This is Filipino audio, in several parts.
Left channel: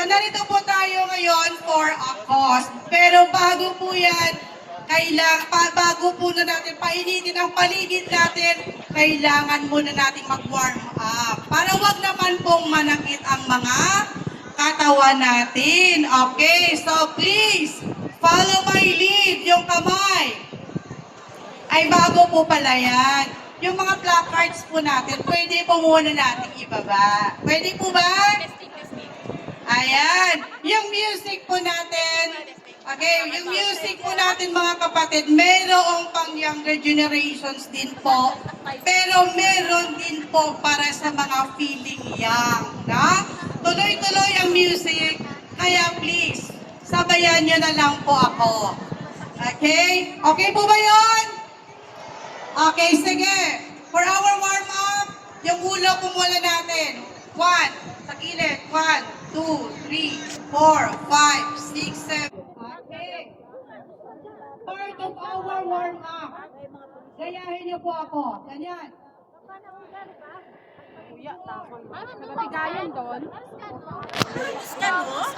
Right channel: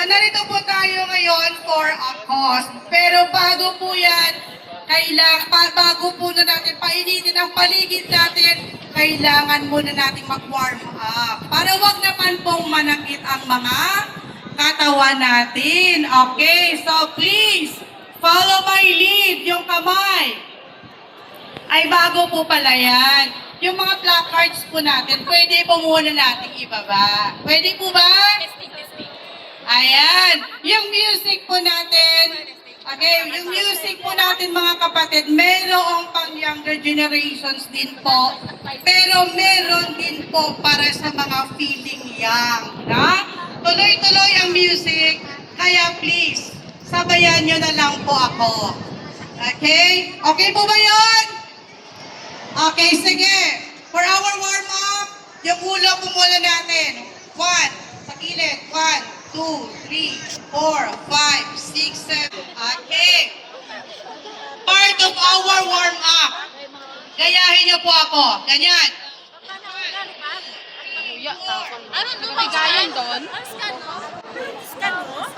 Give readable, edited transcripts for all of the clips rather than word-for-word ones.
So narito po tayo ngayon for a cause. Pero bago po yan, bago po na natin painitin ang paligid natin, kailangan muna nating mag-warm up. Para wag naman pong manakit ang mga katawan natin. Okay, so please, follow my lead, yung kamay. Ay bago po pala yan. Yung mga placards po natin, pwede po muna natin ibaba. Pwede po ba? Ayan. Yung music po natin, okay, yung music po natin mga kapatid, mayroong pang younger generations din po. Pero meron din po para sa mga feeling young. Na? Tuloy-tuloy ang music, kaya please, sabayan nyo na lang po ako. Okay? Okay po ba yun? Okay, sige. For our warm-up, yung ulo po muna natin. 1, sa kilid. 1, 2, 3, 4, 5, 6, 7. Okay. Part of our warm-up. Gayahin niyo po ako. Ganyan. Bigayan doon.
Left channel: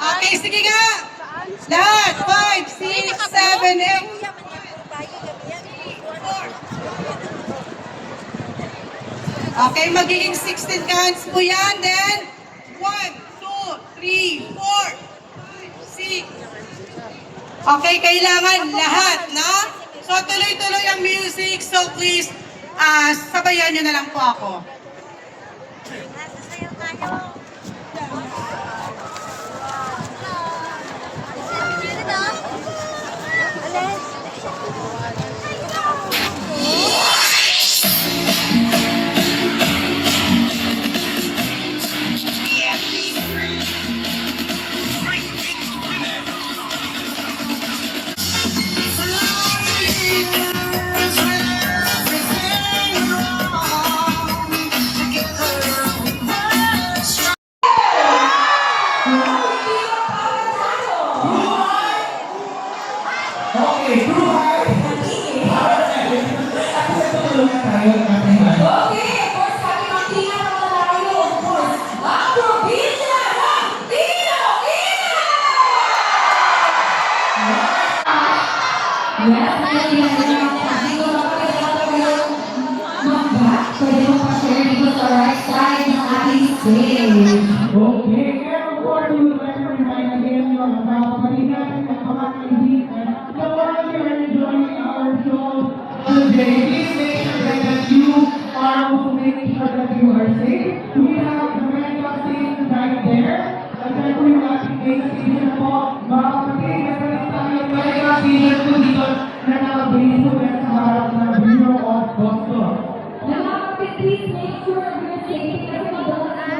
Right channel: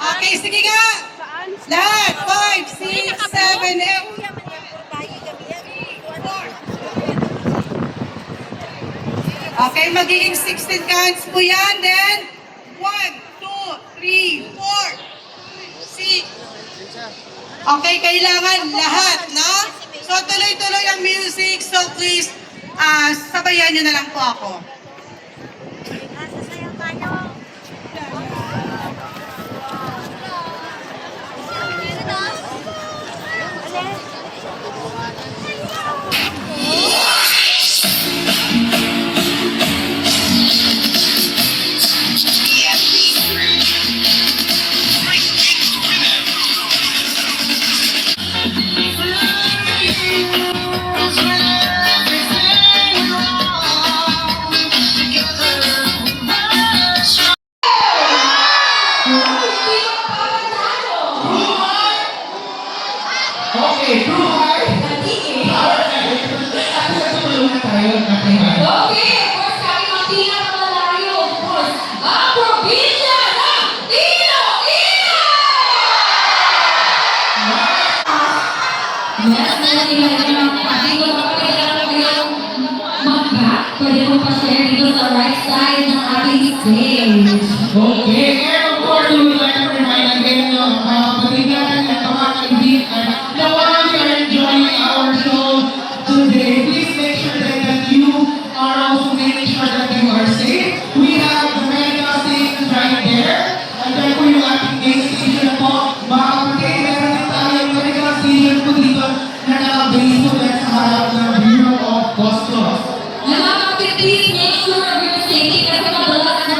Okay, sige nga. Lahat. 5, 6, 7, 8. Okay, magiging 16 counts po yan. Then, 1, 2, 3, 4, 6. Okay, kailangan lahat, no? So, tuloy-tuloy ang music. So, please, sabayan nyo na lang po ako. Okay, true heart. Tulungan tayo ng ating heart. Okay, of course, kami ang pinakamalayo, of course, ang probinsya ng Iloilo! Yes, meron ilan din ang kapatid ko na pwede na kayong mag-back. Pwede mo pa-share dito sa right side ng ating stage. Okay, and of course, we would like to remind again yung mga kapatid natin at mga kaibigan na while you are enjoying our show today, please make sure that you are also making sure that you are safe. We have the medical stations right there. And then po yung ating main station po, mga kapatid, meron din tayong medical station po dito na nakabase po yan sa harap ng Bureau of Customs. Mga kapatid, please make sure of your safety kasi madalas